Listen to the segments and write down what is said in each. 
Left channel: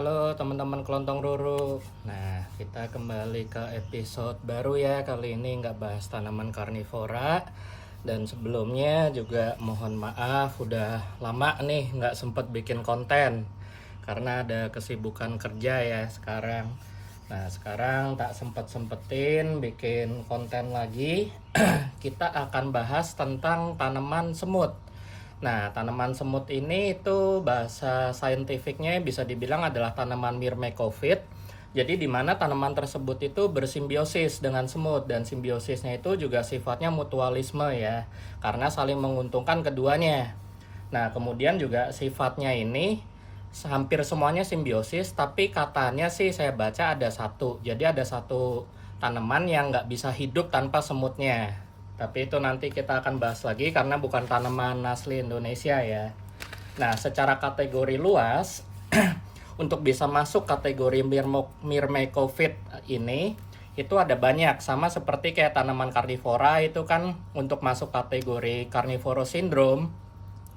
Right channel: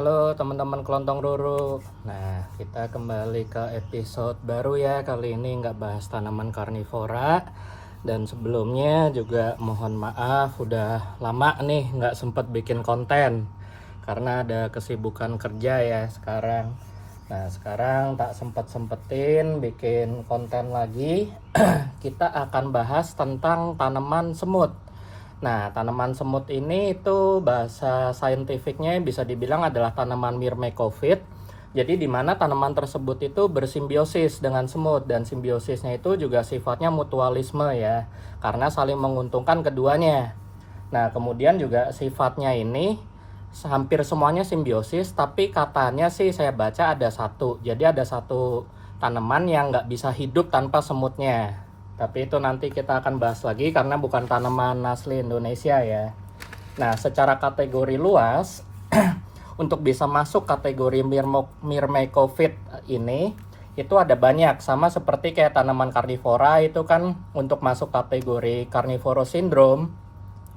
Halo teman-teman kelontong ruru. Nah, kita kembali ke episode baru ya. Kali ini nggak bahas tanaman karnivora. Dan sebelumnya juga mohon maaf udah lama nih nggak sempet bikin konten karena ada kesibukan kerja ya sekarang. Nah, sekarang tak sempet-sempetin bikin konten lagi. Kita akan bahas tentang tanaman semut. Nah, tanaman semut ini itu bahasa saintifiknya bisa dibilang adalah tanaman Myrmecophit. Jadi di mana tanaman tersebut itu bersimbiosis dengan semut, dan simbiosisnya itu juga sifatnya mutualisme ya, karena saling menguntungkan keduanya. Nah, kemudian juga sifatnya ini hampir semuanya simbiosis, tapi katanya sih saya baca ada satu. Jadi ada satu tanaman yang nggak bisa hidup tanpa semutnya. Tapi itu nanti kita akan bahas lagi karena bukan tanaman asli Indonesia ya. Nah, secara kategori luas, untuk bisa masuk kategori Myrmecophit ini, itu ada banyak. Sama seperti kayak tanaman karnivora itu kan untuk masuk kategori carnivorous syndrome,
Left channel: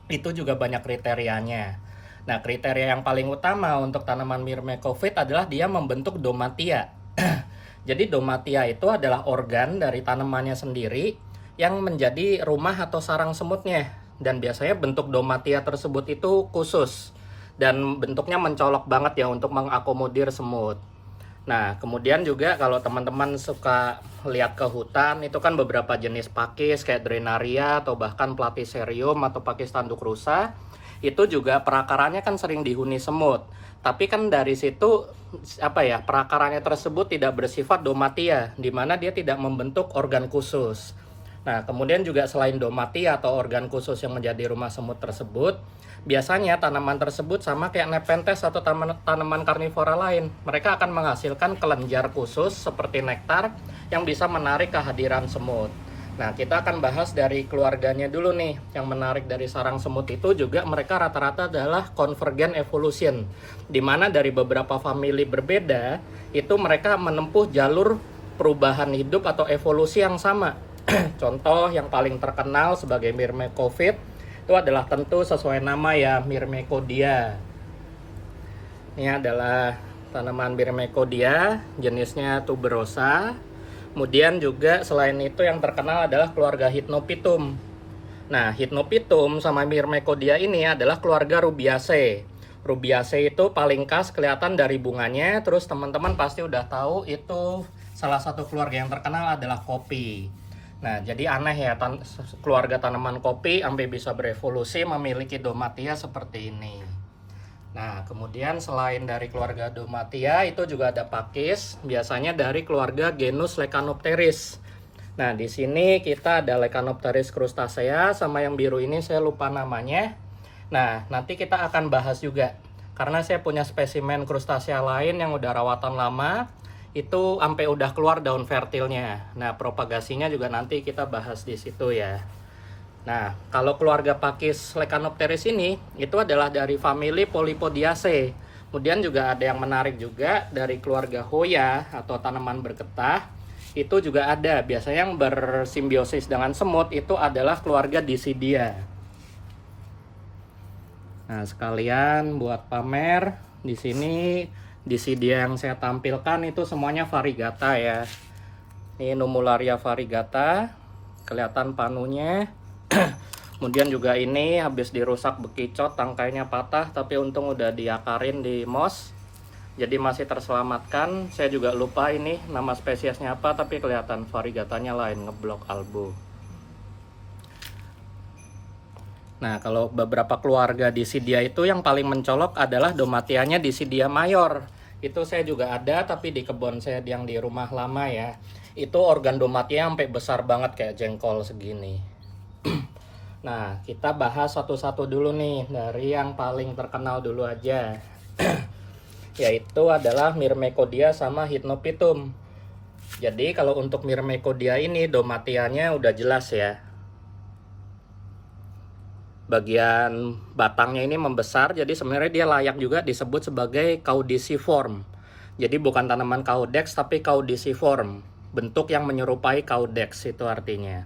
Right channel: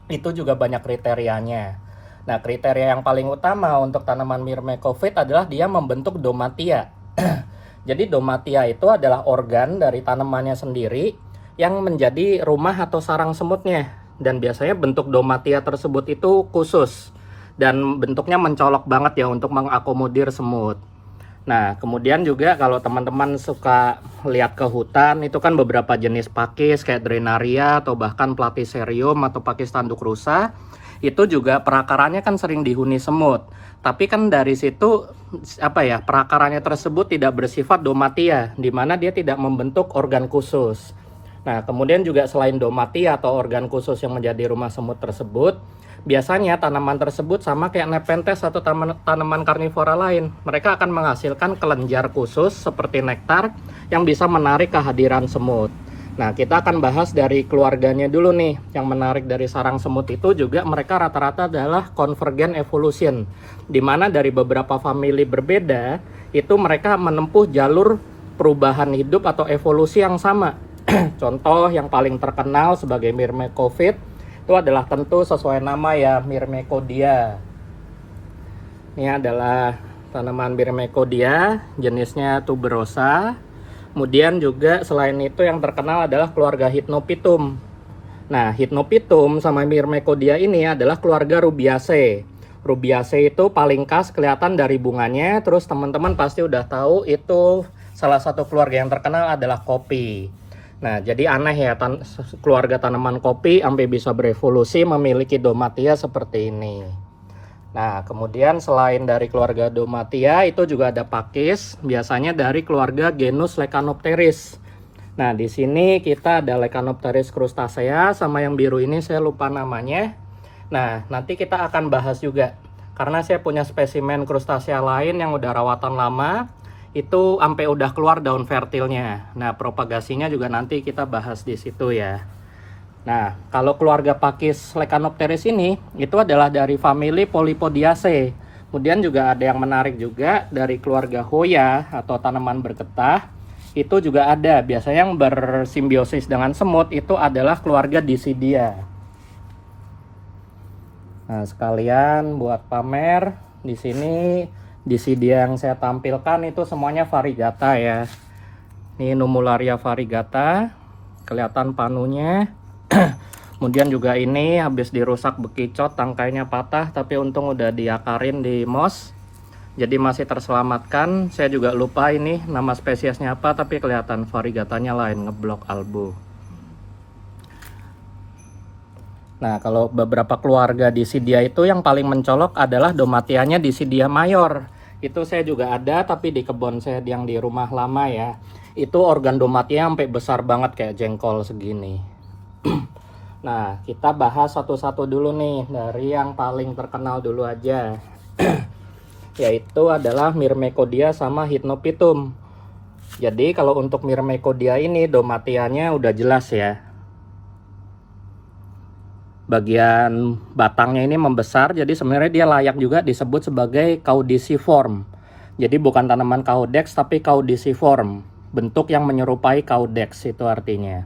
itu juga banyak kriterianya. Nah, kriteria yang paling utama untuk tanaman Myrmecophit adalah dia membentuk domatia. Jadi domatia itu adalah organ dari tanamannya sendiri yang menjadi rumah atau sarang semutnya. Dan biasanya bentuk domatia tersebut itu khusus dan bentuknya mencolok banget ya untuk mengakomodir semut. Nah, kemudian juga kalau teman-teman suka lihat ke hutan, itu kan beberapa jenis pakis kayak Drenaria atau bahkan Platycerium atau pakis tanduk rusa, itu juga perakarannya kan sering dihuni semut. Tapi kan dari situ perakarannya tersebut tidak bersifat domatia, di mana dia tidak membentuk organ khusus. Nah, kemudian juga selain domatia atau organ khusus yang menjadi rumah semut tersebut, biasanya tanaman tersebut sama kayak Nepenthes atau tanaman karnivora lain. Mereka akan menghasilkan kelenjar khusus seperti nektar yang bisa menarik kehadiran semut. Nah, kita akan bahas dari keluarganya dulu nih. Yang menarik dari sarang semut itu juga mereka rata-rata adalah convergent evolution, di mana dari beberapa famili berbeda, itu mereka menempuh jalur perubahan hidup atau evolusi yang sama. Contoh yang paling terkenal sebagai Myrmecophit itu adalah tentu sesuai nama ya, Myrmecodia. Ini adalah tanaman Myrmecodia, jenisnya tuberosa. Kemudian juga selain itu yang terkenal adalah keluarga Hypnophytum. Nah, Hypnophytum sama Myrmecodia ini adalah keluarga Rubiaceae. Rubiaceae itu paling khas kelihatan dari bunganya. Terus teman-teman pasti udah tahu itu salah satu keluarga yang terkenal adalah kopi. Nah, jadi aneh ya, keluarga tanaman kopi sampai bisa berevolusi memiliki domatia seperti ini. Nah, kemudian selain dari keluarga domatia, itu juga ada pakis, biasanya dari keluarga genus Leccanopteris. Nah, di sini kita ada Leccanopteris crustacea, sama yang biru ini saya lupa namanya. Nah, nanti kita akan bahas juga, karena saya punya spesimen crustacea lain yang udah rawatan lama, itu sampai udah keluar daun fertilnya. Nah, propagasinya juga nanti kita bahas di situ ya. Nah, kalau keluarga pakis Leccanopteris ini itu adalah dari famili Polypodiaceae. Kemudian juga ada yang menarik juga dari keluarga Hoya atau tanaman bergetah. Itu juga ada. Biasanya yang bersimbiosis dengan semut itu adalah keluarga Disidia. Nah, sekalian buat pamer di sini Disidia yang saya tampilkan itu semuanya variegata ya. Ini Numularia variegata, kelihatan panunya. Kemudian juga ini habis dirusak bekicot, tangkainya patah, tapi untung udah diakarin di moss, jadi masih terselamatkan. Saya juga lupa ini nama spesiesnya apa, tapi kelihatan variegatanya lain, ngeblok albu. Nah, kalau beberapa keluarga Disidia itu yang paling mencolok adalah domatianya Disidia mayor. Itu saya juga ada, tapi di kebun saya yang di rumah lama ya. Itu organ domatia sampai besar banget kayak jengkol segini. Nah, kita bahas satu-satu dulu nih, dari yang paling terkenal dulu aja. Yaitu adalah Myrmecodia sama Hypnophytum. Jadi kalau untuk Myrmecodia ini domatianya udah jelas ya. Bagian batangnya ini membesar, jadi sebenarnya dia layak juga disebut sebagai caudiciform. Jadi bukan tanaman caudex tapi caudiciform, bentuk yang menyerupai caudex itu artinya.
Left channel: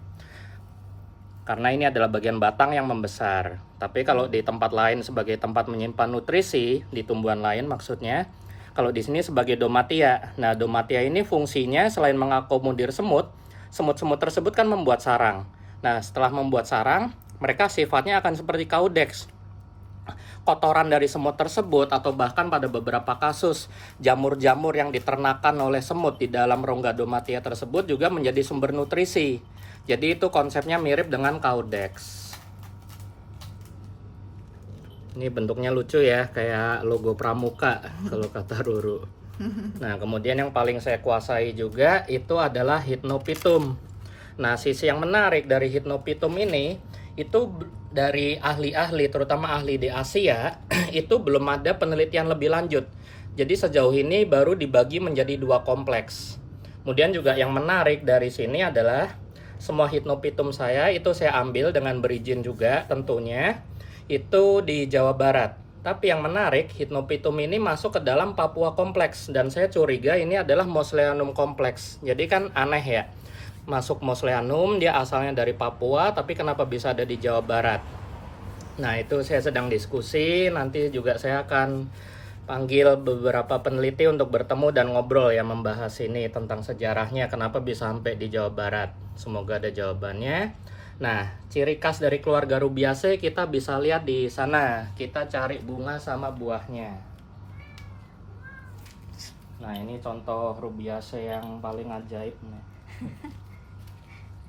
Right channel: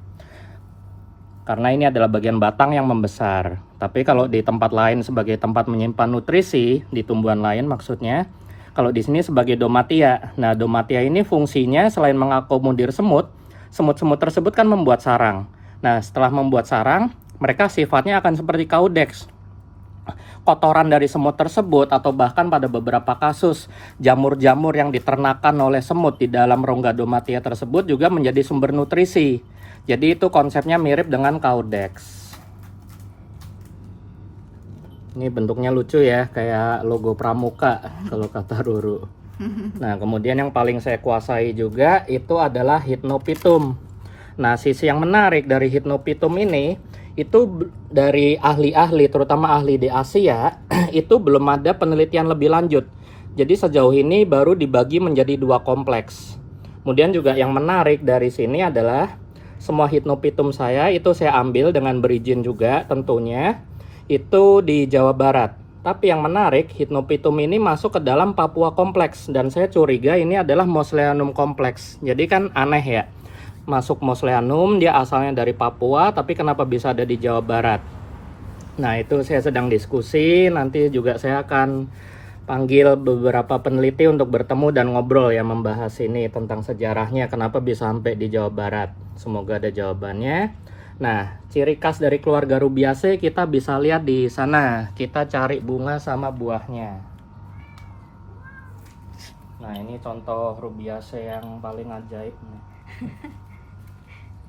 karena ini adalah bagian batang yang membesar. Tapi kalau di tempat lain sebagai tempat menyimpan nutrisi, di tumbuhan lain maksudnya, kalau di sini sebagai domatia. Nah, domatia ini fungsinya selain mengakomodir semut, semut-semut tersebut kan membuat sarang. Nah, setelah membuat sarang, mereka sifatnya akan seperti kaudex. Kotoran dari semut tersebut atau bahkan pada beberapa kasus jamur-jamur yang diternakan oleh semut di dalam rongga domatia tersebut juga menjadi sumber nutrisi. Jadi itu konsepnya mirip dengan kaudex. Ini bentuknya lucu ya, kayak logo pramuka kalau kata Ruru. Nah, kemudian yang paling saya kuasai juga itu adalah Hypnophytum. Nah, sisi yang menarik dari Hypnophytum ini, itu dari ahli-ahli, terutama ahli di Asia, itu belum ada penelitian lebih lanjut. Jadi sejauh ini baru dibagi menjadi 2 kompleks. Kemudian juga yang menarik dari sini adalah semua Hypnophytum saya itu saya ambil dengan berizin juga tentunya, itu di Jawa Barat. Tapi yang menarik, Hypnophytum ini masuk ke dalam Papua kompleks, dan saya curiga ini adalah Mosellanum kompleks. Jadi kan aneh ya, masuk Mosellanum, dia asalnya dari Papua, tapi kenapa bisa ada di Jawa Barat? Nah, itu saya sedang diskusi, nanti juga saya akan panggil beberapa peneliti untuk bertemu dan ngobrol ya, membahas ini tentang sejarahnya, kenapa bisa sampai di Jawa Barat. Semoga ada jawabannya. Nah, ciri khas dari keluarga Rubiaceae kita bisa lihat di sana. Kita cari bunga sama buahnya. Nah, ini contoh Rubiaceae yang paling ajaib nih.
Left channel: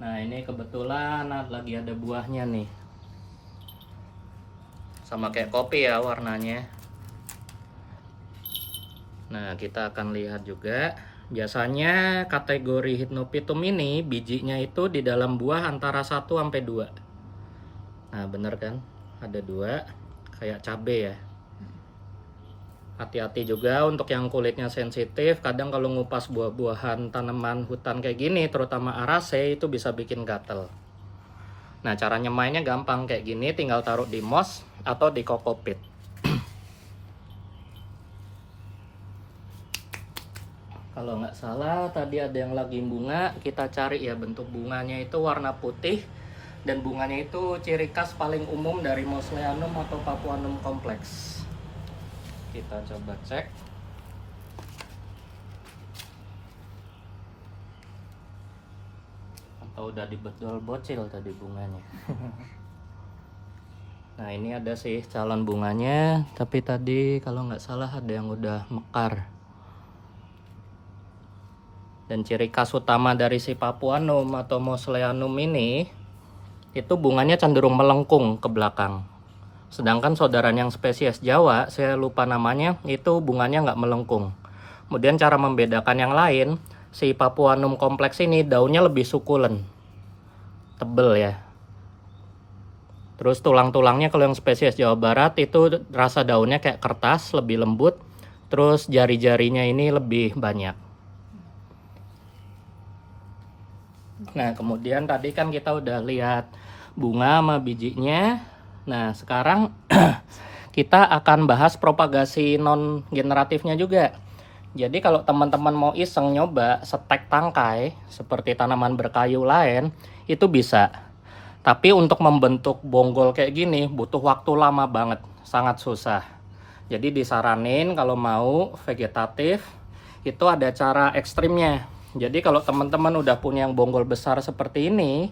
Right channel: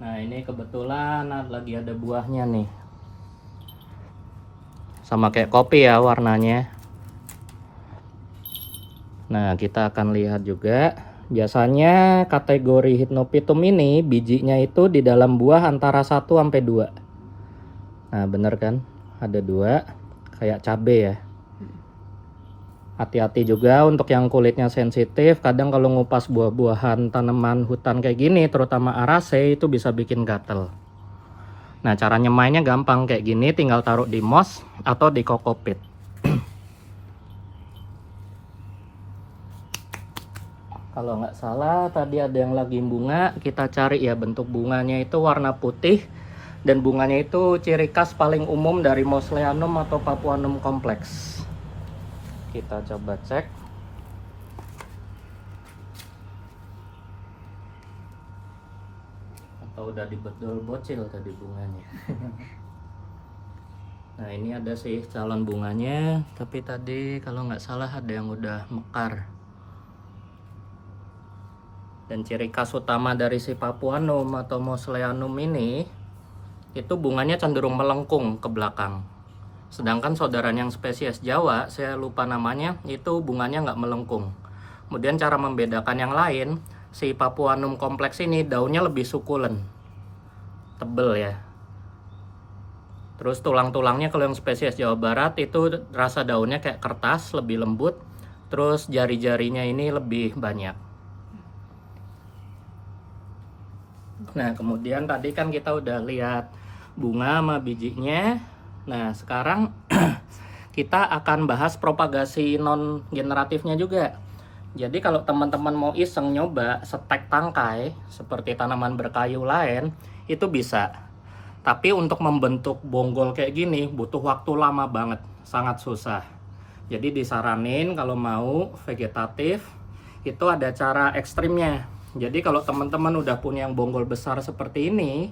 Nah, ini kebetulan lagi ada buahnya nih. Sama kayak kopi ya warnanya. Nah, kita akan lihat juga. Biasanya kategori Hypnophytum ini bijinya itu di dalam buah antara 1 sampai 2. Nah, bener kan? Ada 2, kayak cabe ya. Hati-hati juga untuk yang kulitnya sensitif. Kadang kalau ngupas buah-buahan tanaman hutan kayak gini, terutama Araceae, itu bisa bikin gatel. Nah, cara nyemainnya gampang kayak gini, tinggal taruh di moss atau di kokopit. Kalau nggak salah tadi ada yang lagi bunga, kita cari ya bentuk bunganya itu warna putih, dan bunganya itu ciri khas paling umum dari Mosellanum atau Papuanum kompleks. Kita coba cek. Atau udah dibedol bocil tadi bunganya. Nah, ini ada sih calon bunganya, tapi tadi kalau nggak salah ada yang udah mekar. Dan ciri khas utama dari si Papuanum atau Mosellanum ini, itu bunganya cenderung melengkung ke belakang. Sedangkan saudaranya yang spesies Jawa, saya lupa namanya, itu bunganya nggak melengkung. Kemudian cara membedakan yang lain, si Papuanum kompleks ini daunnya lebih sukulen, tebel ya. Terus tulang-tulangnya kalau yang spesies Jawa Barat itu rasa daunnya kayak kertas, lebih lembut. Terus jari-jarinya ini lebih banyak. Nah, kemudian tadi kan kita udah lihat bunga sama bijinya. Nah, sekarang kita akan bahas propagasi non generatifnya juga. Jadi kalau teman-teman mau iseng nyoba setek tangkai seperti tanaman berkayu lain, itu bisa. Tapi untuk membentuk bonggol kayak gini butuh waktu lama banget, sangat susah. Jadi disaranin kalau mau vegetatif itu ada cara ekstrimnya. Jadi kalau teman-teman udah punya yang bonggol besar seperti ini,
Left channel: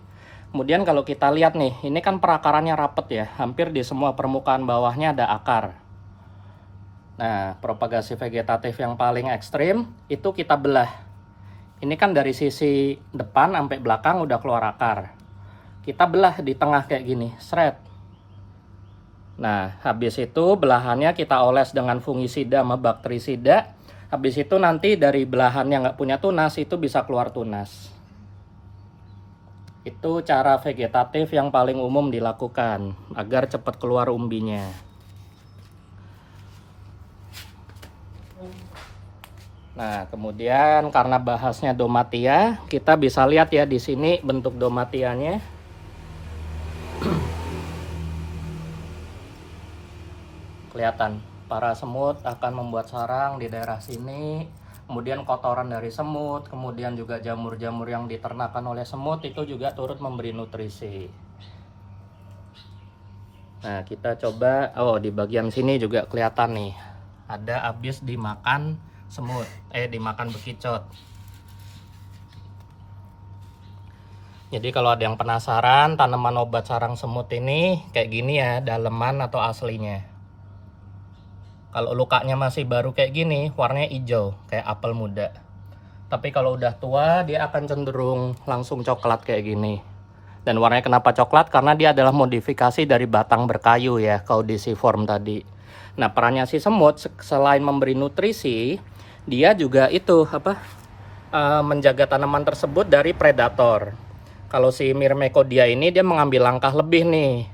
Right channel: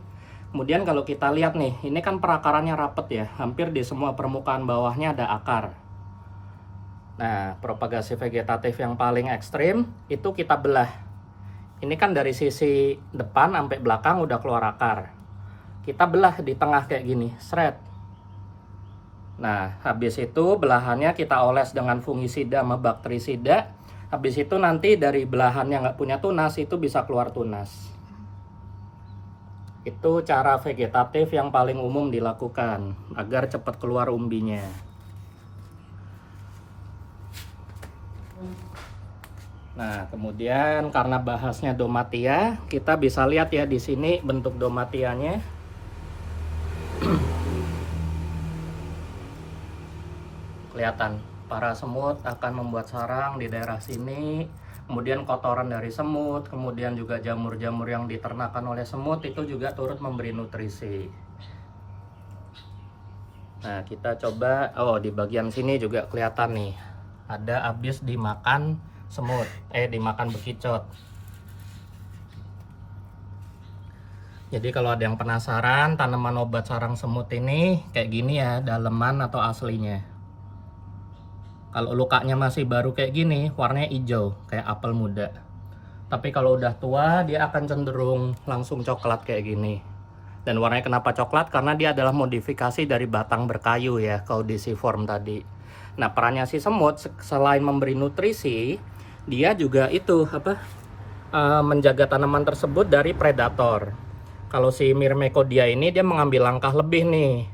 kemudian kalau kita lihat nih, ini kan perakarannya rapet ya, hampir di semua permukaan bawahnya ada akar. Nah, propagasi vegetatif yang paling ekstrim itu kita belah. Ini kan dari sisi depan sampai belakang udah keluar akar. Kita belah di tengah kayak gini, seret. Nah, habis itu belahannya kita oles dengan fungisida sama bakterisida. Habis itu nanti dari belahan yang nggak punya tunas itu bisa keluar tunas. Itu cara vegetatif yang paling umum dilakukan agar cepat keluar umbinya. Nah, kemudian karena bahasnya domatia, kita bisa lihat ya di sini bentuk domatianya. Kelihatan, para semut akan membuat sarang di daerah sini. Kemudian kotoran dari semut, kemudian juga jamur-jamur yang diternakan oleh semut itu juga turut memberi nutrisi. Nah, kita coba, oh di bagian sini juga kelihatan nih. Ada habis dimakan semut, dimakan bekicot. Jadi kalau ada yang penasaran tanaman obat sarang semut ini kayak gini ya, daleman atau aslinya. Kalau lukanya masih baru kayak gini, warnanya hijau, kayak apel muda. Tapi kalau udah tua, dia akan cenderung langsung coklat kayak gini. Dan warnanya kenapa coklat? Karena dia adalah modifikasi dari batang berkayu ya, caudiciform tadi. Nah, perannya si semut selain memberi nutrisi, dia juga itu menjaga tanaman tersebut dari predator. Kalau si Myrmecodia ini dia mengambil langkah lebih nih.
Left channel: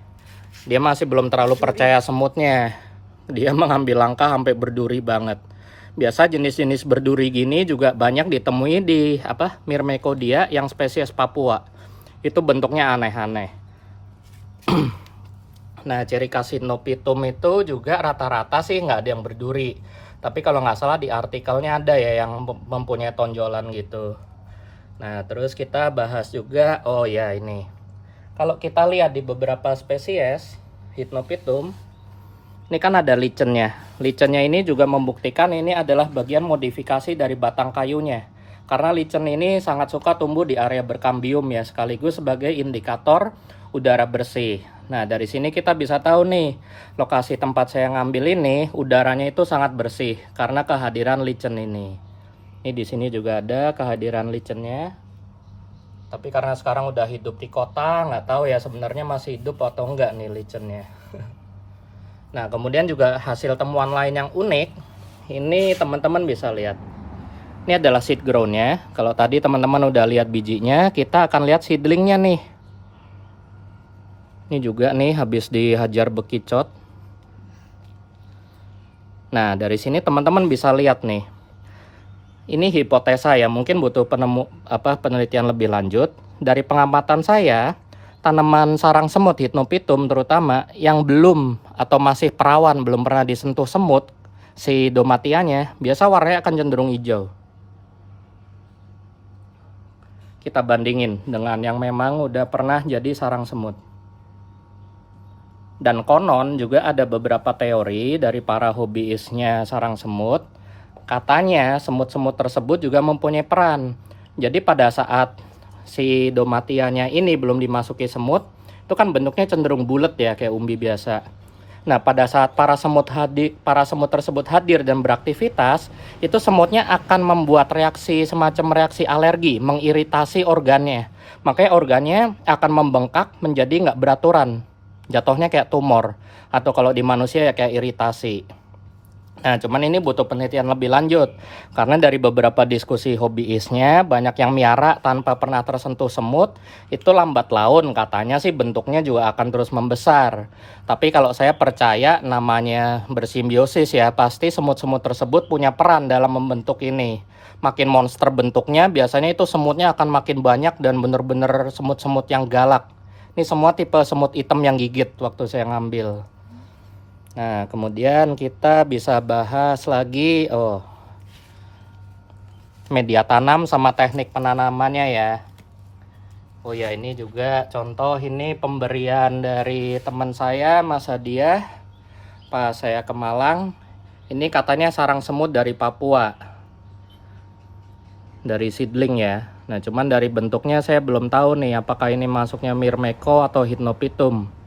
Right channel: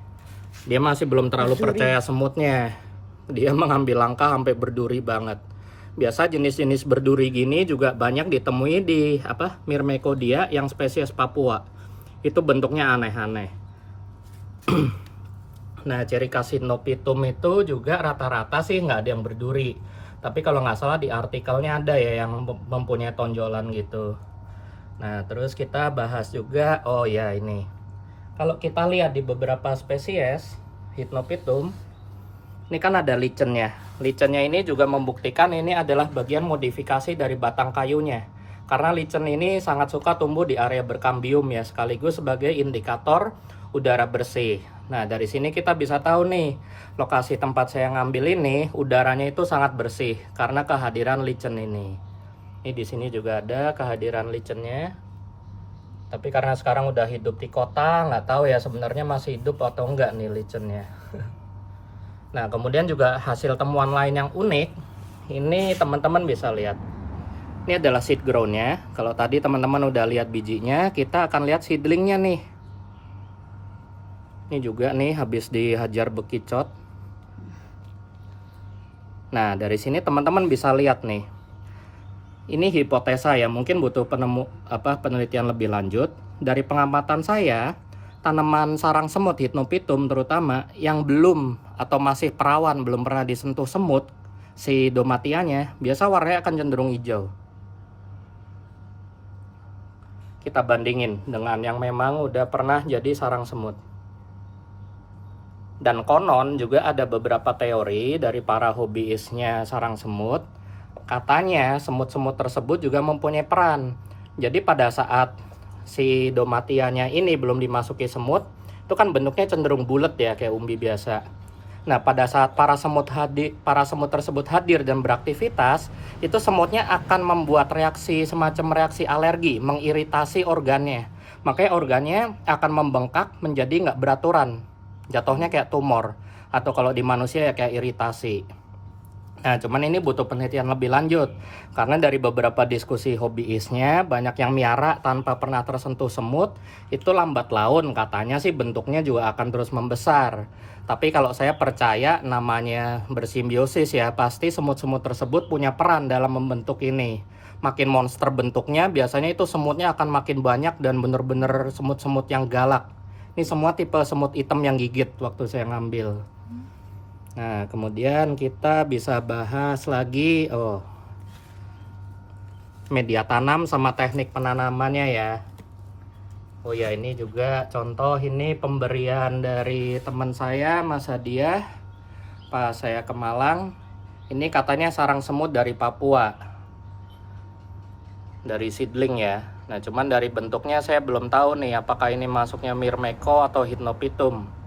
Dia masih belum terlalu percaya semutnya. Dia mengambil langkah sampai berduri banget. Biasa jenis-jenis berduri gini juga banyak ditemui di Myrmecodia yang spesies Papua. Itu bentuknya aneh-aneh. Nah, ciri khas Hypnophytum itu juga rata-rata sih nggak ada yang berduri. Tapi kalau nggak salah di artikelnya ada ya yang mempunyai tonjolan gitu. Nah, terus kita bahas juga, oh ya ini. Kalau kita lihat di beberapa spesies Hypnophytum, ini kan ada licennya. Licennya ini juga membuktikan ini adalah bagian modifikasi dari batang kayunya. Karena licen ini sangat suka tumbuh di area berkambium ya, sekaligus sebagai indikator udara bersih. Nah, dari sini kita bisa tahu nih, lokasi tempat saya ngambil ini udaranya itu sangat bersih karena kehadiran licen ini. Ini di sini juga ada kehadiran licennya. Tapi karena sekarang udah hidup di kota, nggak tahu ya sebenarnya masih hidup atau enggak nih licennya. Nah, kemudian juga hasil temuan lain yang unik. Ini teman-teman bisa lihat. Ini adalah seed ground-nya. Kalau tadi teman-teman udah lihat bijinya, kita akan lihat seedlingnya nih. Ini juga nih habis dihajar bekicot. Nah, dari sini teman-teman bisa lihat nih. Ini hipotesa ya, mungkin butuh penelitian lebih lanjut. Dari pengamatan saya, tanaman sarang semut Hypnophytum terutama yang belum atau masih perawan, belum pernah disentuh semut, si domatianya biasa warnanya akan cenderung hijau. Kita bandingin dengan yang memang udah pernah jadi sarang semut. Dan konon juga ada beberapa teori dari para hobiisnya sarang semut. Katanya semut-semut tersebut juga mempunyai peran. Jadi pada saat si domatianya ini belum dimasuki semut, itu kan bentuknya cenderung bulat ya, kayak umbi biasa. Nah, pada saat para semut tersebut hadir dan beraktivitas, itu semutnya akan membuat reaksi semacam reaksi alergi, mengiritasi organnya. Makanya organnya akan membengkak menjadi nggak beraturan. Jatuhnya kayak tumor, atau kalau di manusia ya kayak iritasi. Nah, cuman ini butuh penelitian lebih lanjut. Karena dari beberapa diskusi hobiisnya, banyak yang miara tanpa pernah tersentuh semut, itu lambat laun. Katanya sih bentuknya juga akan terus membesar. Tapi kalau saya percaya namanya bersimbiosis ya, pasti semut-semut tersebut punya peran dalam membentuk ini. Makin monster bentuknya, biasanya itu semutnya akan makin banyak dan bener-bener semut-semut yang galak. Ini semua tipe semut hitam yang gigit waktu saya ngambil. Nah, kemudian kita bisa bahas lagi media tanam sama teknik penanamannya ya. Oh ya, ini juga contoh, ini pemberian dari teman saya, Mas Hadiah, pas saya ke Malang. Ini katanya sarang semut dari Papua, dari seedling ya. Nah, cuman dari bentuknya saya belum tahu nih apakah ini masuknya Myrmeco atau Hypnophytum.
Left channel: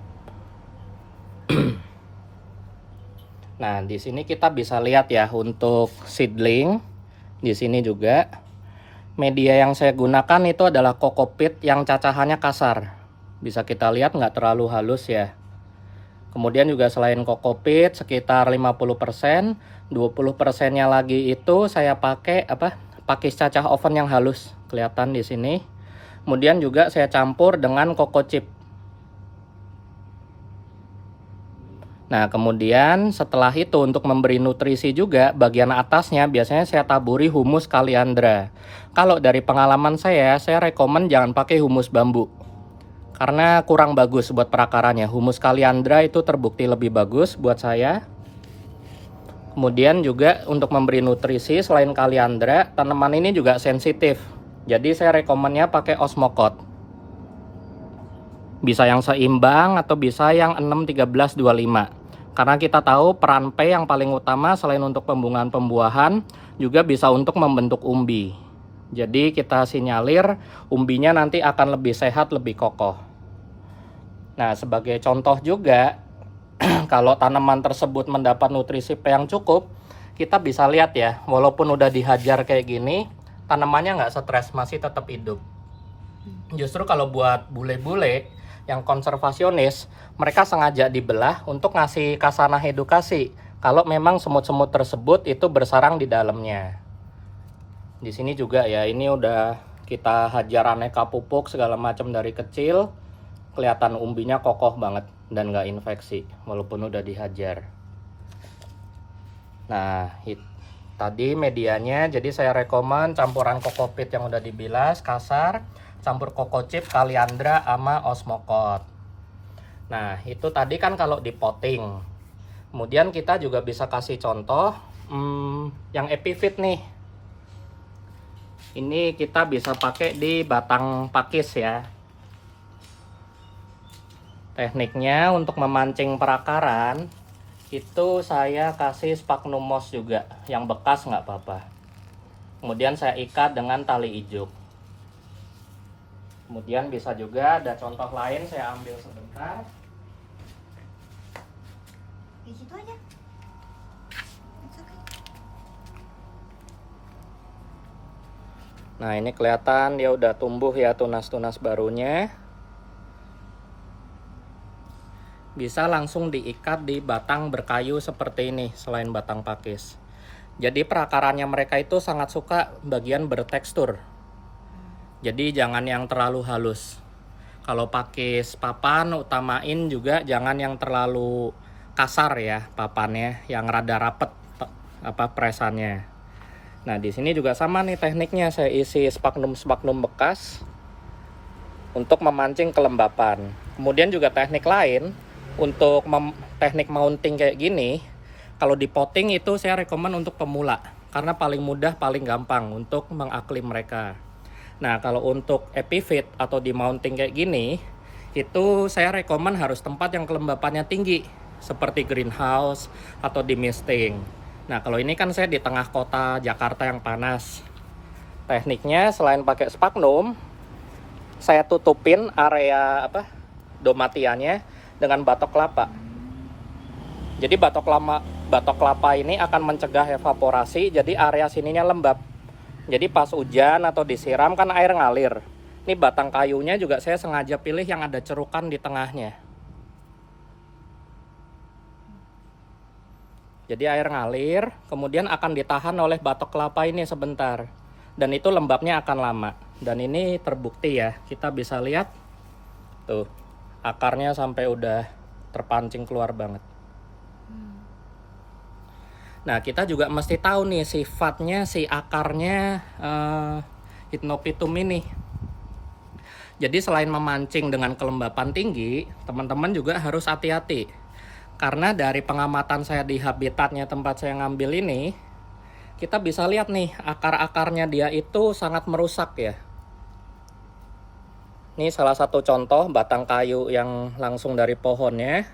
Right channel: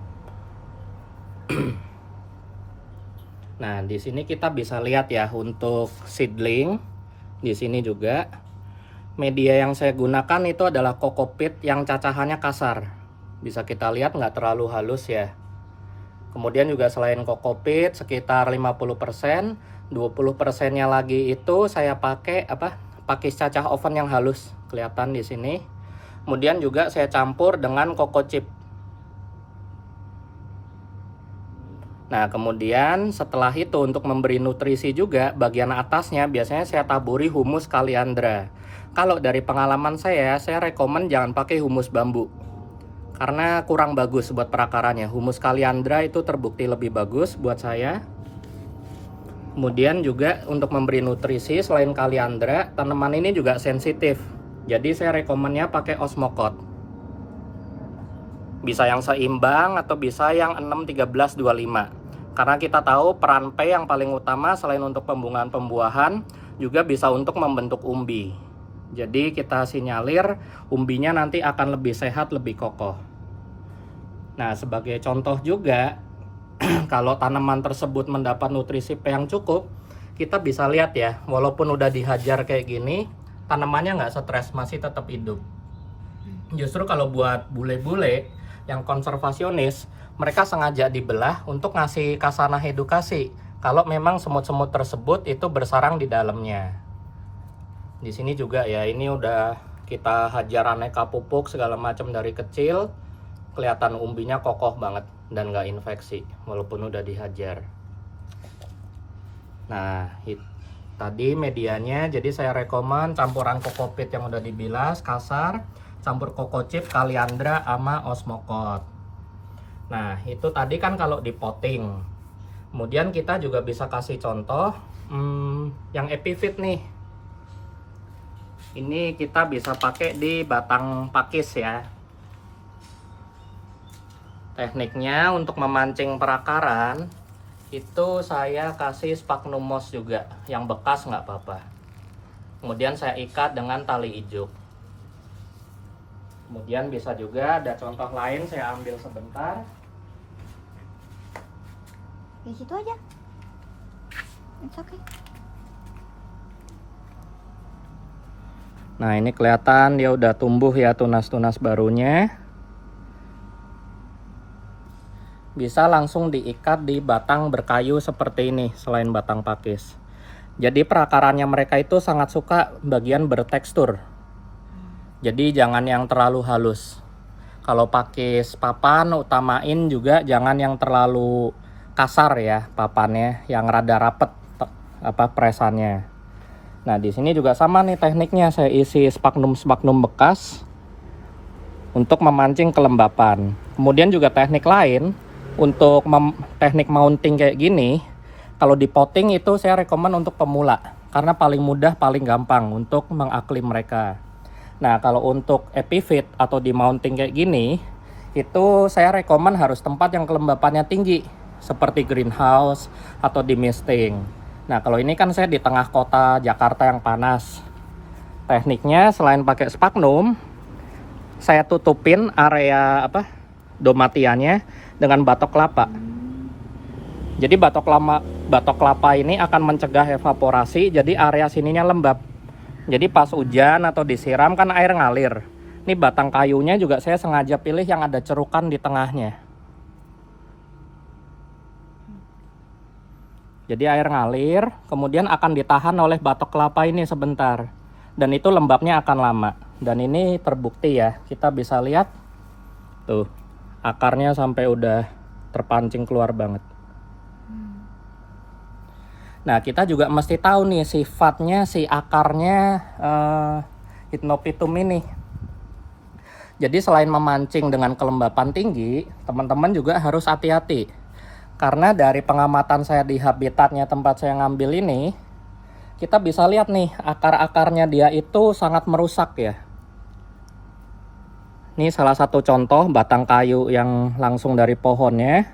Nah, di sini kita bisa lihat ya untuk seedling. Di sini juga media yang saya gunakan itu adalah kokopit yang cacahannya kasar. Bisa kita lihat nggak terlalu halus ya. Kemudian juga selain kokopit sekitar 50%, 20%-nya lagi itu saya pakai pakis cacah oven yang halus, kelihatan di sini. Kemudian juga saya campur dengan coco chip. Nah, kemudian setelah itu untuk memberi nutrisi juga, bagian atasnya biasanya saya taburi humus kaliandra. Kalau dari pengalaman saya rekomen jangan pakai humus bambu. Karena kurang bagus buat perakarannya. Humus kaliandra itu terbukti lebih bagus buat saya. Kemudian juga untuk memberi nutrisi selain kaliandra, tanaman ini juga sensitif. Jadi saya rekomennya pakai osmokot. Bisa yang seimbang atau bisa yang 6, 13, 25. Karena kita tahu peran P yang paling utama selain untuk pembungaan pembuahan juga bisa untuk membentuk umbi. Jadi kita sinyalir umbinya nanti akan lebih sehat, lebih kokoh. Nah, sebagai contoh juga kalau tanaman tersebut mendapat nutrisi P yang cukup, kita bisa lihat ya, walaupun udah dihajar kayak gini, tanamannya nggak stres, masih tetap hidup. Justru kalau buat bule-bule yang konservasionis, mereka sengaja dibelah untuk ngasih kasanah edukasi kalau memang semut-semut tersebut itu bersarang di dalamnya. Di sini juga ya, ini udah kita hajar aneka pupuk segala macam dari kecil, kelihatan umbinya kokoh banget dan nggak infeksi walaupun udah dihajar. Nah, tadi medianya, jadi saya rekomen campuran kokopit yang udah dibilas kasar, campur kokocip, kaliandra, sama osmokot. Nah, itu tadi kan kalau di potting. Kemudian kita juga bisa kasih contoh yang epifit nih. Ini kita bisa pakai di batang pakis ya. Tekniknya untuk memancing perakaran itu saya kasih sphagnum moss juga, yang bekas nggak apa-apa. Kemudian saya ikat dengan tali ijuk. Kemudian bisa juga ada contoh lain, saya ambil sebentar. Di situ aja. It's okay. Nah, ini kelihatan dia udah tumbuh ya tunas-tunas barunya. Bisa langsung diikat di batang berkayu seperti ini selain batang pakis. Jadi perakarannya mereka itu sangat suka bagian bertekstur. Jadi jangan yang terlalu halus. Kalau pakis papan utamain juga jangan yang terlalu kasar ya papannya, yang rada rapet presannya. Nah, di sini juga sama nih tekniknya, saya isi sphagnum bekas untuk memancing kelembapan. Kemudian juga teknik lain untuk teknik mounting kayak gini, kalau di potting itu saya rekomen untuk pemula karena paling mudah, paling gampang untuk mengaklim mereka. Nah, kalau untuk epifit atau di mounting kayak gini, itu saya rekomen harus tempat yang kelembapannya tinggi, seperti greenhouse atau di misting. Nah, kalau ini kan saya di tengah kota Jakarta yang panas. Tekniknya selain pakai sphagnum, saya tutupin area domatiannya dengan batok kelapa. Jadi batok kelapa ini akan mencegah evaporasi, jadi area sininya lembab. Jadi pas hujan atau disiram kan air ngalir. Ini batang kayunya juga saya sengaja pilih yang ada cerukan di tengahnya. Jadi air ngalir, kemudian akan ditahan oleh batok kelapa ini sebentar. Dan itu lembabnya akan lama. Dan ini terbukti ya, kita bisa lihat tuh akarnya sampai udah terpancing keluar banget. Nah, kita juga mesti tahu nih sifatnya si akarnya Hypnopitum ini. Jadi selain memancing dengan kelembapan tinggi, teman-teman juga harus hati-hati. Karena dari pengamatan saya di habitatnya tempat saya ngambil ini, kita bisa lihat nih akar-akarnya dia itu sangat merusak ya. Ini salah satu contoh batang kayu yang langsung dari pohonnya.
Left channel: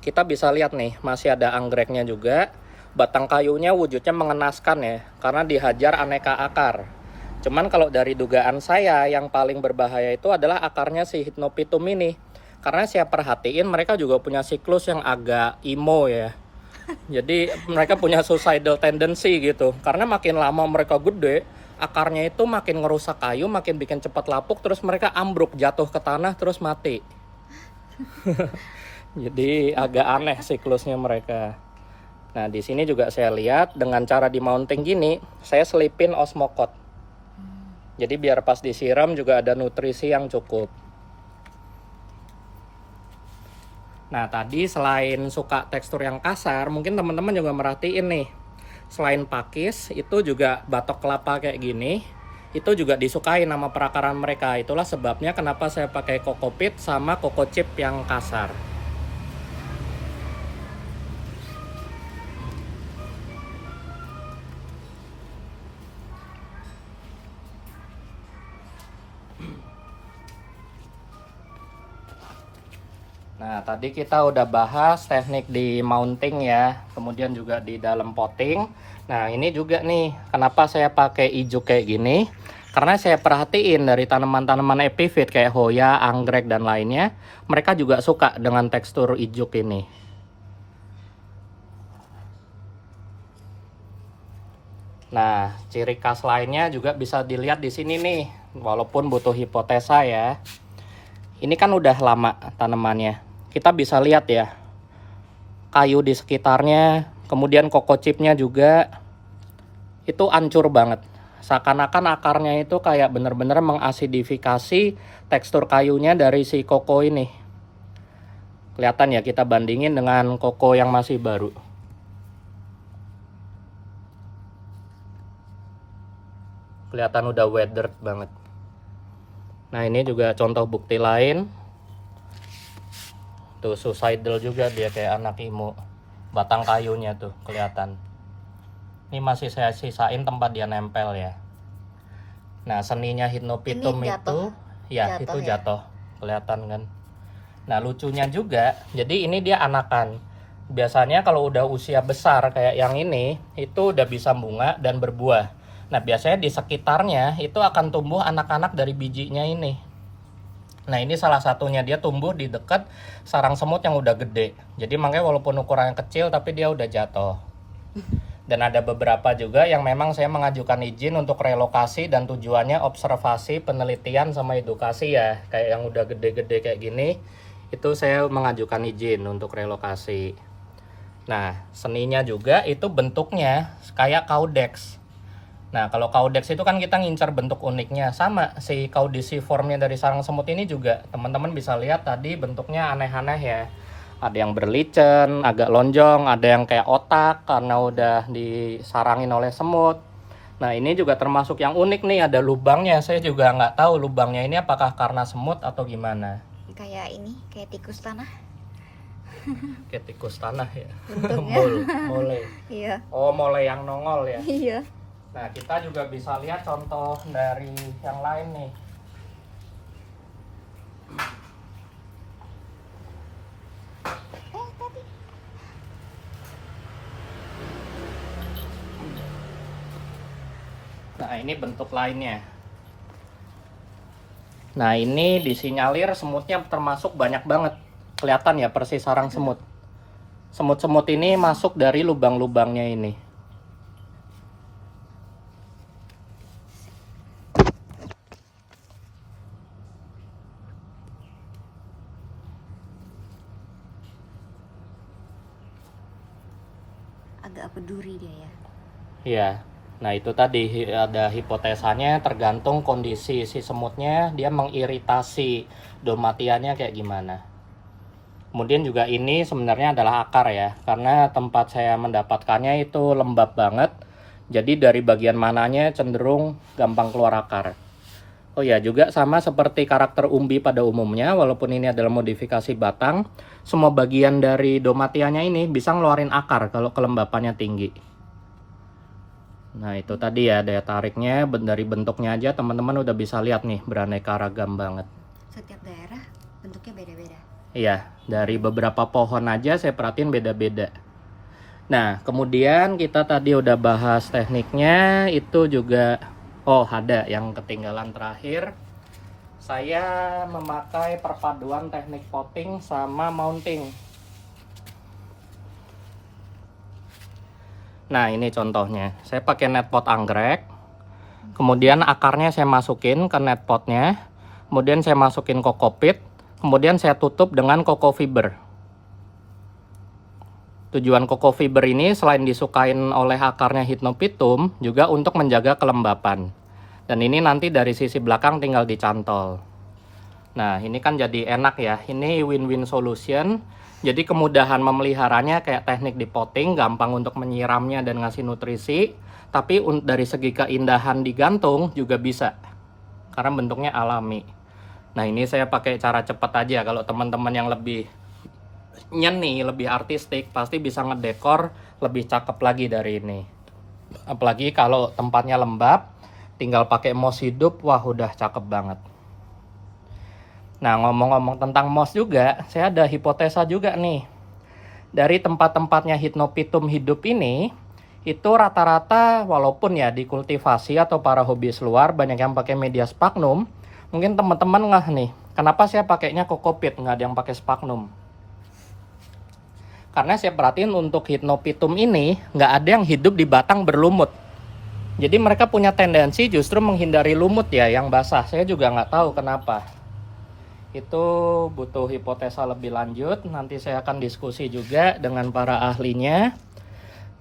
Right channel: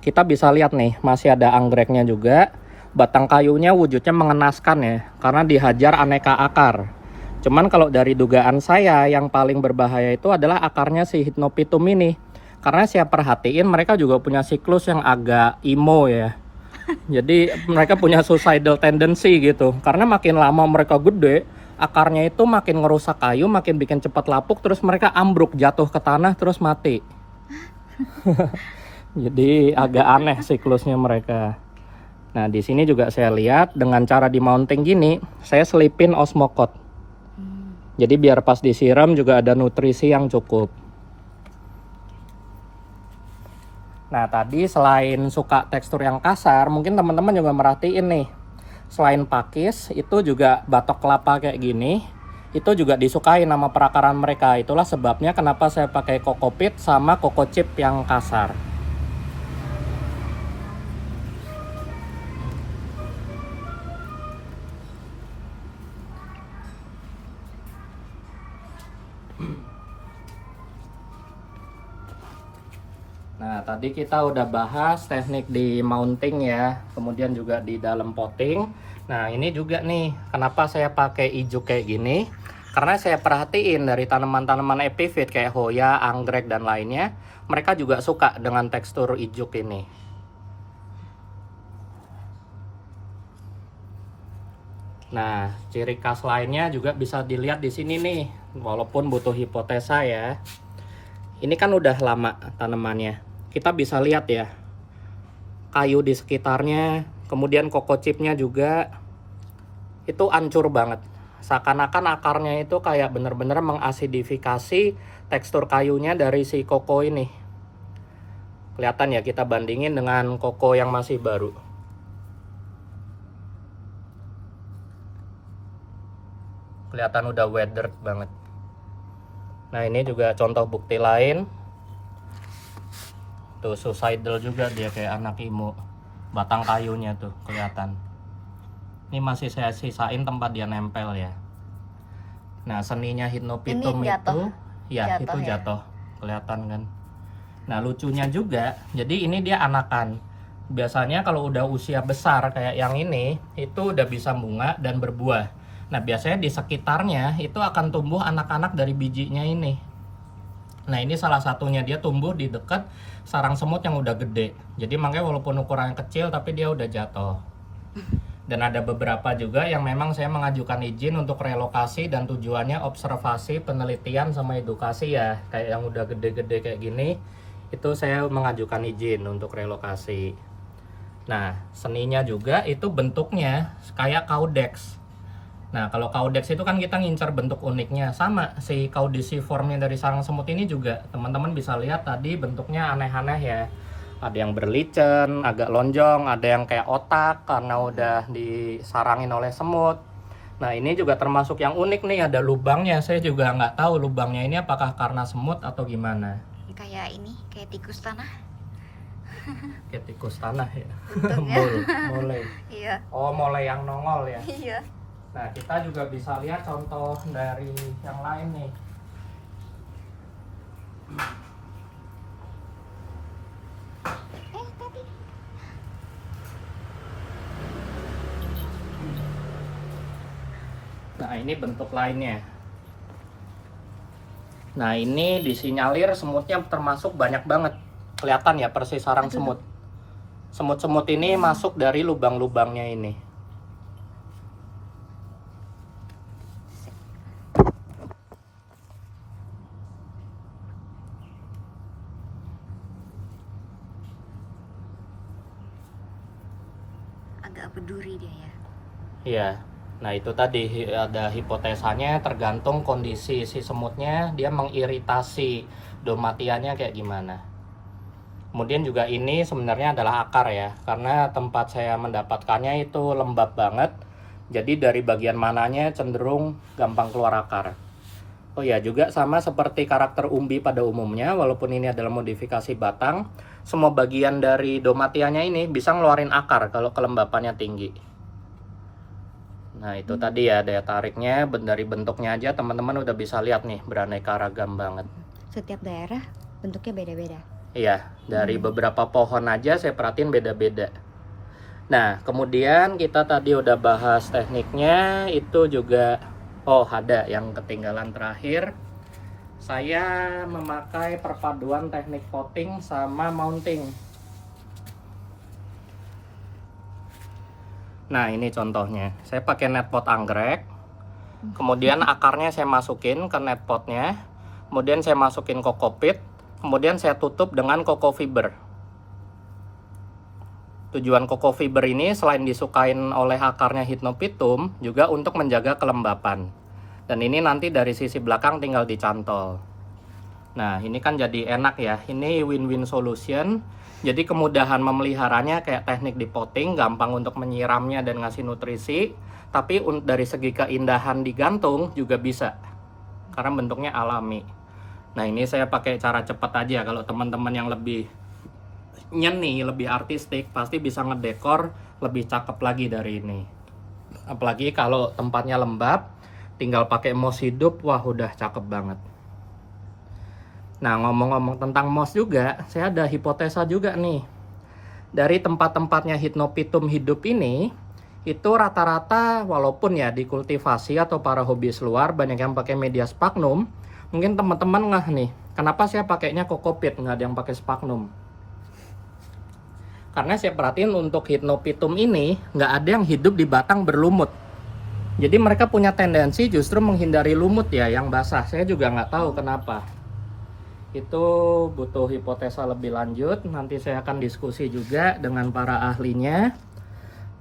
Kita bisa lihat nih, masih ada anggreknya juga. Batang kayunya wujudnya mengenaskan ya, karena dihajar aneka akar. Cuman kalau dari dugaan saya, yang paling berbahaya itu adalah akarnya si Hypnopitum ini. Karena saya perhatiin mereka juga punya siklus yang agak emo ya. Jadi mereka punya suicidal tendency gitu. Karena makin lama mereka gede, akarnya itu makin ngerusak kayu, makin bikin cepat lapuk, terus mereka ambruk, jatuh ke tanah, terus mati. Jadi agak aneh siklusnya mereka. Nah, di sini juga saya lihat dengan cara di mounting gini, saya selipin osmokot. Jadi biar pas disiram juga ada nutrisi yang cukup. Nah, tadi selain suka tekstur yang kasar, mungkin teman-teman juga merhatiin nih. Selain pakis, itu juga batok kelapa kayak gini, itu juga disukai nama perakaran mereka. Itulah sebabnya kenapa saya pakai kokopit sama kokocip yang kasar. tadi kita udah bahas teknik di mounting ya, kemudian juga di dalam potting. Nah, ini juga nih, kenapa saya pakai ijuk kayak gini? Karena saya perhatiin dari tanaman-tanaman epiphyt kayak Hoya, anggrek, dan lainnya, mereka juga suka dengan tekstur ijuk ini. Nah, ciri khas lainnya juga bisa dilihat di sini nih, walaupun butuh hipotesa ya. Ini kan udah lama tanamannya. Kita bisa lihat ya, kayu di sekitarnya, kemudian koko chipnya juga, itu hancur banget. Seakan-akan akarnya itu kayak bener-bener mengasidifikasi tekstur kayunya dari si koko ini. Kelihatan ya, kita bandingin dengan koko yang masih baru. Kelihatan udah weathered banget. Nah, ini juga contoh bukti lain. Tuh suicidal juga dia, kayak anak imo. Batang kayunya tuh kelihatan. Ini masih saya sisain tempat dia nempel ya. Nah, seninya Hypnopithecus itu ya, itu jatuh. Kelihatan kan. Nah, lucunya juga, jadi ini dia anakan. Biasanya kalau udah usia besar kayak yang ini, itu udah bisa bunga dan berbuah. Nah, biasanya di sekitarnya itu akan tumbuh anak-anak dari bijinya ini. Nah, ini salah satunya, dia tumbuh di dekat sarang semut yang udah gede. Jadi makanya walaupun ukurannya kecil tapi dia udah jatuh. Dan ada beberapa juga yang memang saya mengajukan izin untuk relokasi dan tujuannya observasi, penelitian, sama edukasi ya. Kayak yang udah gede-gede kayak gini, itu saya mengajukan izin untuk relokasi. Nah, seninya juga itu bentuknya kayak caudex. Nah, kalau caudex itu kan kita ngincar bentuk uniknya. Sama, si caudiciformnya dari sarang semut ini juga, teman-teman bisa lihat tadi bentuknya aneh-aneh ya. Ada yang berlicen, agak lonjong, ada yang kayak otak karena udah disarangin oleh semut. Nah, ini juga termasuk yang unik nih, ada lubangnya. Saya juga nggak tahu lubangnya ini apakah karena semut atau gimana. Kayak ini, kayak tikus tanah. Kayak tikus tanah ya. Bentuknya. Mole. Iya. Oh, mole yang nongol ya. Iya. Nah, kita juga bisa lihat contoh dari yang lain nih. Tadi. Nah, ini bentuk lainnya. Nah, ini disinyalir semutnya termasuk banyak banget. Kelihatan ya, persis sarang semut. Semut-semut ini masuk dari lubang-lubangnya ini. Agak peduli dia ya. Iya. Nah, itu tadi ada hipotesanya, tergantung kondisi si semutnya, dia mengiritasi domatiannya kayak gimana. Kemudian juga ini sebenarnya adalah akar ya, karena tempat saya mendapatkannya itu lembab banget. Jadi dari bagian mananya cenderung gampang keluar akar. Oh ya, juga sama seperti karakter umbi pada umumnya, walaupun ini adalah modifikasi batang, semua bagian dari domatiannya ini bisa ngeluarin akar kalau kelembapannya tinggi. Nah, itu tadi ya daya tariknya, dari bentuknya aja teman-teman udah bisa lihat nih, beraneka ragam banget. Setiap daerah bentuknya beda-beda. Iya, dari beberapa pohon aja saya perhatiin beda-beda. Nah, kemudian kita tadi udah bahas tekniknya, itu juga, oh ada yang ketinggalan terakhir. Saya memakai perpaduan teknik potting sama mounting. Nah, ini contohnya. Saya pakai net pot anggrek. Kemudian akarnya saya masukin ke net potnya. Kemudian saya masukin kokopit. Kemudian saya tutup dengan koko fiber. Tujuan koko fiber ini selain disukain oleh akarnya Hypnopithecus, juga untuk menjaga kelembapan. Dan ini nanti dari sisi belakang tinggal dicantol. Nah, ini kan jadi enak ya. Ini win-win solution. Jadi kemudahan memeliharanya kayak teknik di potting, gampang untuk menyiramnya dan ngasih nutrisi. Tapi dari segi keindahan digantung juga bisa, karena bentuknya alami. Nah, ini saya pakai cara cepat aja. Kalau teman-teman yang lebih nyeni, lebih artistik, pasti bisa ngedekor lebih cakep lagi dari ini. Apalagi kalau tempatnya lembab, tinggal pakai moss hidup, wah udah cakep banget. Nah, ngomong-ngomong tentang moss juga, saya ada hipotesa juga nih. Dari tempat-tempatnya Hypnopitum hidup ini, itu rata-rata walaupun ya dikultivasi atau para hobis luar banyak yang pakai media sphagnum, mungkin teman-teman ngeh nih, kenapa saya pakainya kokopit, nggak ada yang pakai sphagnum? Karena saya perhatiin untuk Hypnopitum ini, nggak ada yang hidup di batang berlumut. Jadi mereka punya tendensi justru menghindari lumut ya, yang basah. Saya juga nggak tahu kenapa. Itu butuh hipotesa lebih lanjut. Nanti saya akan diskusi juga dengan para ahlinya.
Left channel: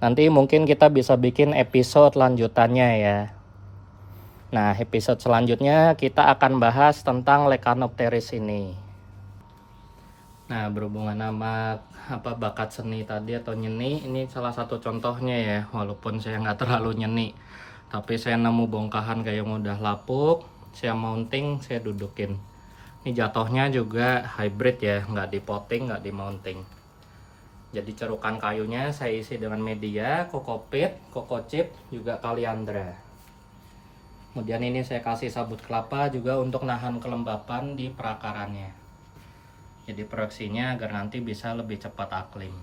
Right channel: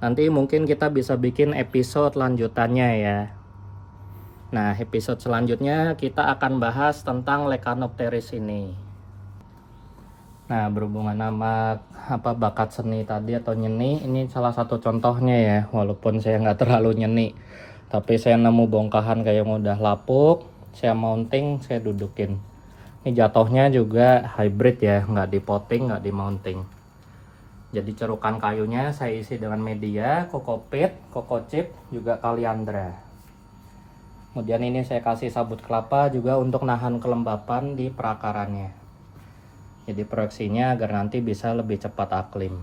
Nanti mungkin kita bisa bikin episode lanjutannya ya. Nah, episode selanjutnya kita akan bahas tentang Leccanopteris ini. Nah, berhubungan sama bakat seni tadi atau nyeni, ini salah satu contohnya ya. Walaupun saya nggak terlalu nyeni, tapi saya nemu bongkahan kayak yang udah lapuk, saya mounting, saya dudukin. Ini jatuhnya juga hybrid ya, nggak di potting, nggak di mounting. Jadi cerukan kayunya saya isi dengan media, kokopit, kokocip, juga kaliandra. Kemudian ini saya kasih sabut kelapa juga untuk nahan kelembapan di perakarannya. Jadi proyeksinya agar nanti bisa lebih cepat aklim.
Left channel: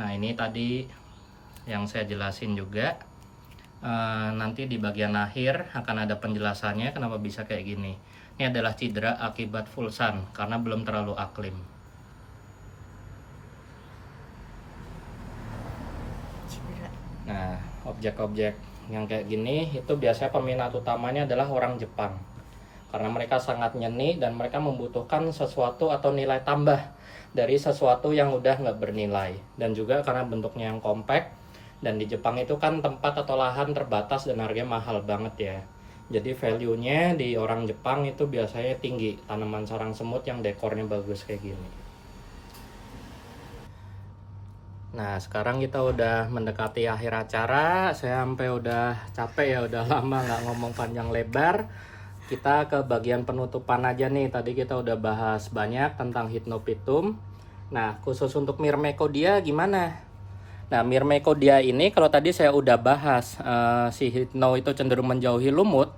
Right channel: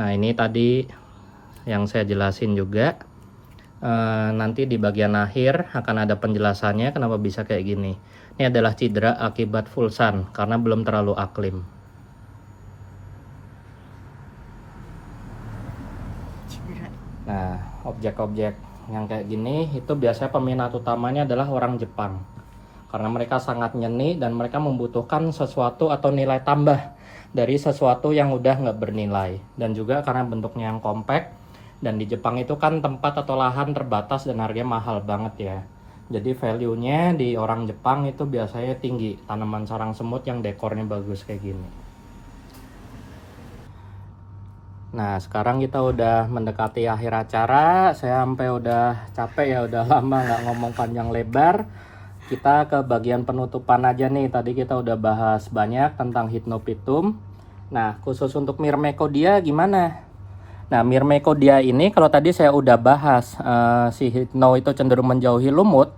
Nah, ini tadi yang saya jelasin juga. Nanti di bagian akhir akan ada penjelasannya kenapa bisa kayak gini. Ini adalah cedera akibat full sun karena belum terlalu aklim. Nah, objek-objek yang kayak gini itu biasanya peminat utamanya adalah orang Jepang. Karena mereka sangat nyeni dan mereka membutuhkan sesuatu atau nilai tambah dari sesuatu yang udah nggak bernilai. Dan juga karena bentuknya yang compact, dan di Jepang itu kan tempat atau lahan terbatas dan harganya mahal banget ya. Jadi value-nya di orang Jepang itu biasanya tinggi, tanaman sarang semut yang dekornya bagus kayak gini. Nah, sekarang kita udah mendekati akhir acara. Saya sampai udah capek ya, udah lama nggak ngomong panjang lebar. Kita ke bagian penutupan aja nih. Tadi kita udah bahas banyak tentang Hypnopitum. Nah, khusus untuk Myrmecodia gimana? Nah, Myrmecodia ini kalau tadi saya udah bahas si Hypno itu cenderung menjauhi lumut.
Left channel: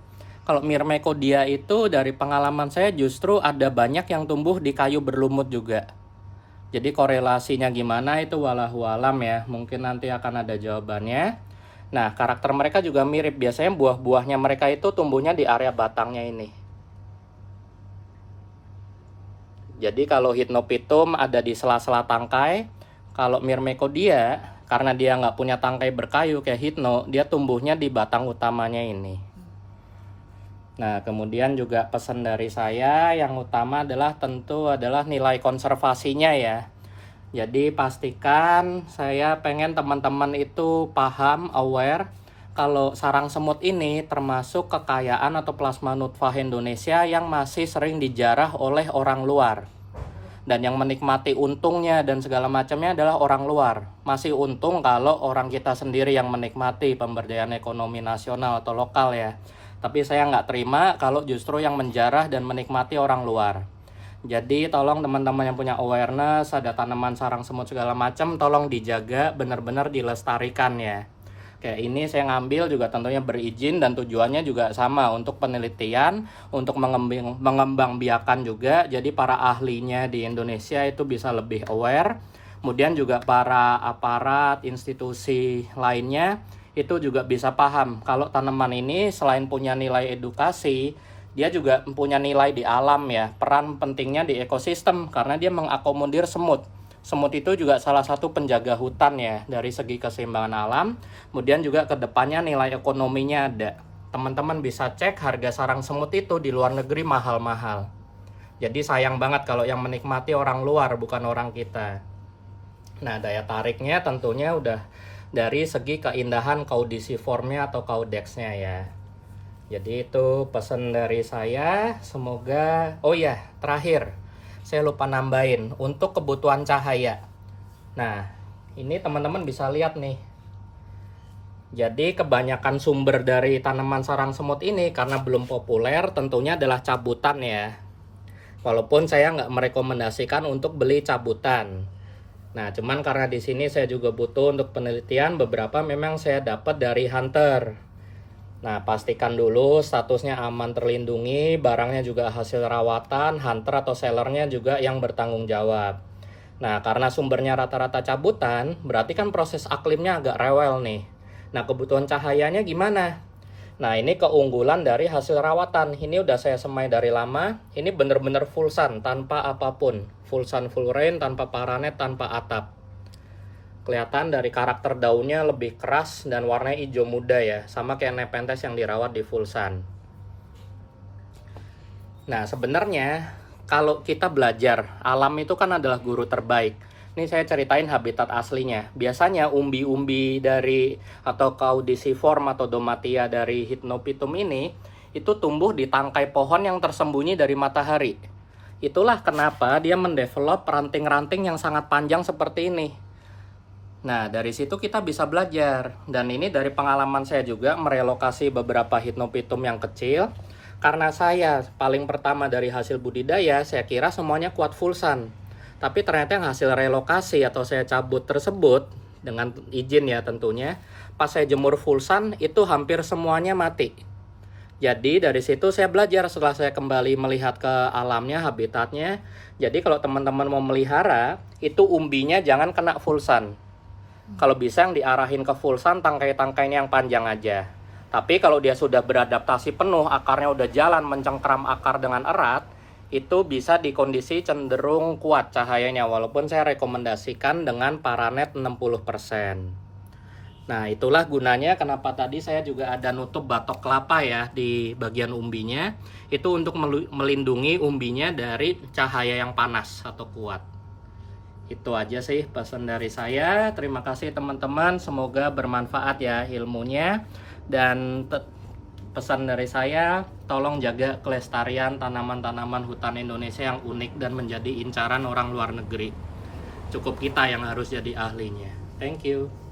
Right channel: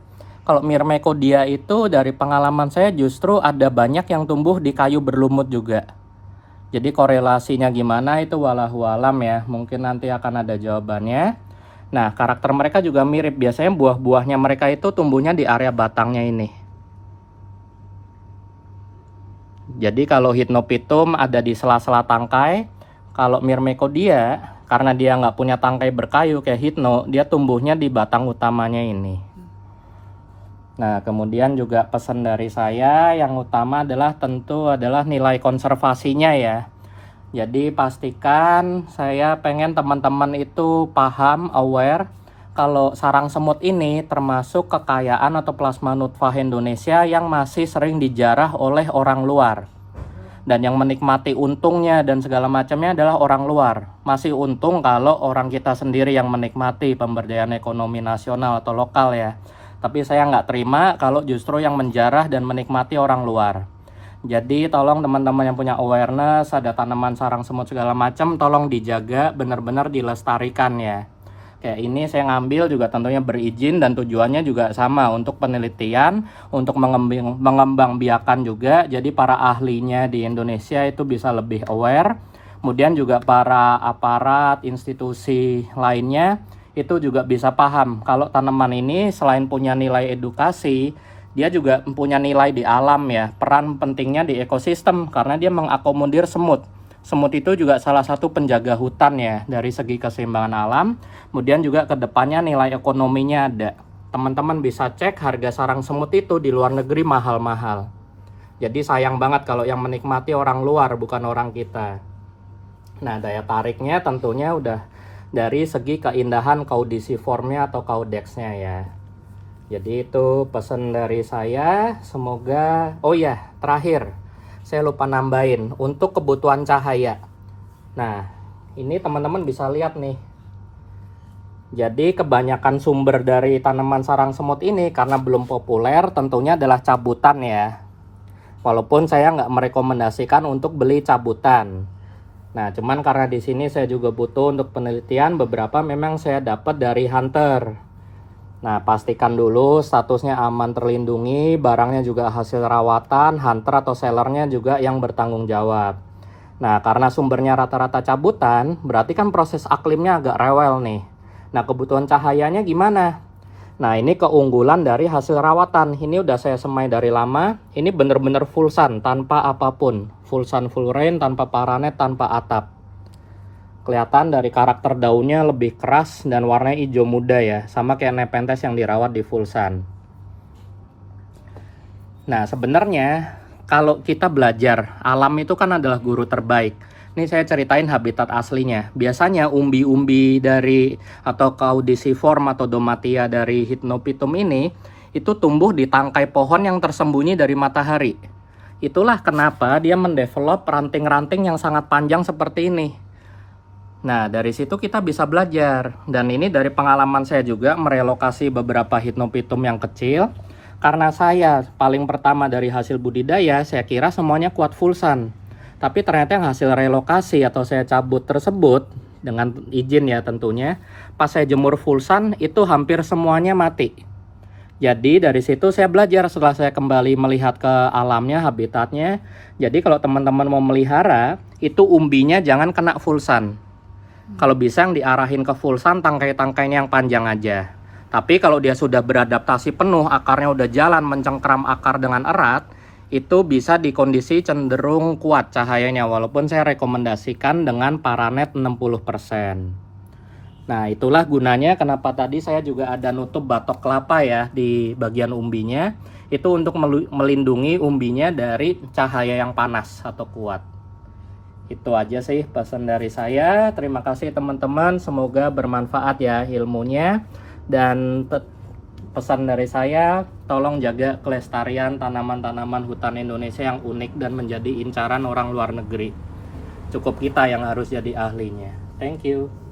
Kalau Myrmecodia itu dari pengalaman saya justru ada banyak yang tumbuh di kayu berlumut juga. Jadi korelasinya gimana itu walahu alam ya. Mungkin nanti akan ada jawabannya. Nah, karakter mereka juga mirip. Biasanya buah-buahnya mereka itu tumbuhnya di area batangnya ini. Jadi kalau Hypnopitum ada di sela-sela tangkai. Kalau Myrmecodia, karena dia nggak punya tangkai berkayu kayak Hypno, dia tumbuhnya di batang utamanya ini. Nah, kemudian juga pesan dari saya yang utama adalah tentu adalah nilai konservasinya ya. Jadi pastikan saya pengen teman-teman itu paham, aware kalau sarang semut ini termasuk kekayaan atau plasma nutfah Indonesia yang masih sering dijarah oleh orang luar. Dan yang menikmati untungnya dan segala macamnya adalah orang luar. Masih untung kalau orang kita sendiri yang menikmati pemberdayaan ekonomi nasional atau lokal ya. Tapi saya nggak terima kalau justru yang menjarah dan menikmati orang luar. Jadi tolong teman-teman yang punya awareness, ada tanaman sarang semut segala macam, tolong dijaga, benar-benar dilestarikan ya. Kayak ini saya ngambil juga tentunya berizin dan tujuannya juga sama untuk penelitian, untuk mengembangbiakan juga. Jadi para ahlinya di Indonesia itu bisa lebih aware. Kemudian juga para aparat, institusi lainnya itu juga bisa paham kalau tanaman ini selain punya nilai edukasi, dia juga punya nilai di alam ya. Peran pentingnya di ekosistem karena dia mengakomodir semut. Semut itu juga salah satu penjaga hutan ya dari segi keseimbangan alam. Kemudian juga kedepannya nilai ekonominya ada. Teman-teman bisa cek harga sarang semut itu di luar negeri mahal-mahal. Jadi sayang banget kalau yang menikmati orang luar bukan orang kita. Nah, daya tariknya tentunya udah dari segi keindahan caudiciformnya atau caudexnya ya. Jadi itu pesan dari saya. Semoga, oh ya terakhir saya lupa nambahin untuk kebutuhan cahaya. Nah, ini teman-teman bisa lihat nih. Jadi kebanyakan sumber dari tanaman sarang semut ini karena belum populer tentunya adalah cabutan ya. Walaupun saya nggak merekomendasikan untuk beli cabutan. Nah, cuman karena di sini saya juga butuh untuk penelitian, beberapa memang saya dapat dari hunter. Nah, pastikan dulu statusnya aman terlindungi, barangnya juga hasil rawatan, hunter atau sellernya juga yang bertanggung jawab. Nah, karena sumbernya rata-rata cabutan, berarti kan proses aklimnya agak rewel nih. Nah, kebutuhan cahayanya gimana? Nah, ini keunggulan dari hasil rawatan. Ini udah saya semai dari lama. Ini bener-bener full sun, tanpa apapun. Full sun, full rain, tanpa paranet, tanpa atap. Kelihatan dari karakter daunnya lebih keras dan warnanya hijau muda ya. Sama kayak Nepenthes yang dirawat di full sun. Nah, sebenarnya kalau kita belajar, alam itu kan adalah guru terbaik. Ini saya ceritain habitat aslinya. Biasanya umbi-umbi dari atau caudiciform atau domatia dari Hypnopithecus ini itu tumbuh di tangkai pohon yang tersembunyi dari matahari. Itulah kenapa dia mendevelop ranting-ranting yang sangat panjang seperti ini. Nah, dari situ kita bisa belajar. Dan ini dari pengalaman saya juga merelokasi beberapa Hypnopithecus yang kecil. Karena saya paling pertama dari hasil budidaya, saya kira semuanya kuat full sun. Tapi ternyata yang hasil relokasi atau saya cabut tersebut, dengan izin ya tentunya, pas saya jemur full sun itu hampir semuanya mati. Jadi dari situ saya belajar setelah saya kembali melihat ke alamnya, habitatnya. Jadi kalau teman-teman mau melihara, itu umbinya jangan kena full sun. Kalau bisa yang diarahin ke full sun, tangkai-tangkainya yang panjang aja. Tapi kalau dia sudah beradaptasi penuh, akarnya udah jalan mencengkram akar dengan erat, itu bisa di kondisi cenderung kuat cahayanya, walaupun saya rekomendasikan dengan paranet 60%. Nah, itulah gunanya kenapa tadi saya juga ada nutup batok kelapa ya di bagian umbinya. Itu untuk melindungi umbinya dari cahaya yang panas atau kuat. Itu aja sih pesan dari saya. Terima kasih teman-teman, semoga bermanfaat ya ilmunya. Dan pesan dari saya, tolong jaga kelestarian tanaman-tanaman hutan Indonesia yang unik dan menjadi incaran orang luar negeri. Cukup kita yang harus jadi ahlinya. Thank you.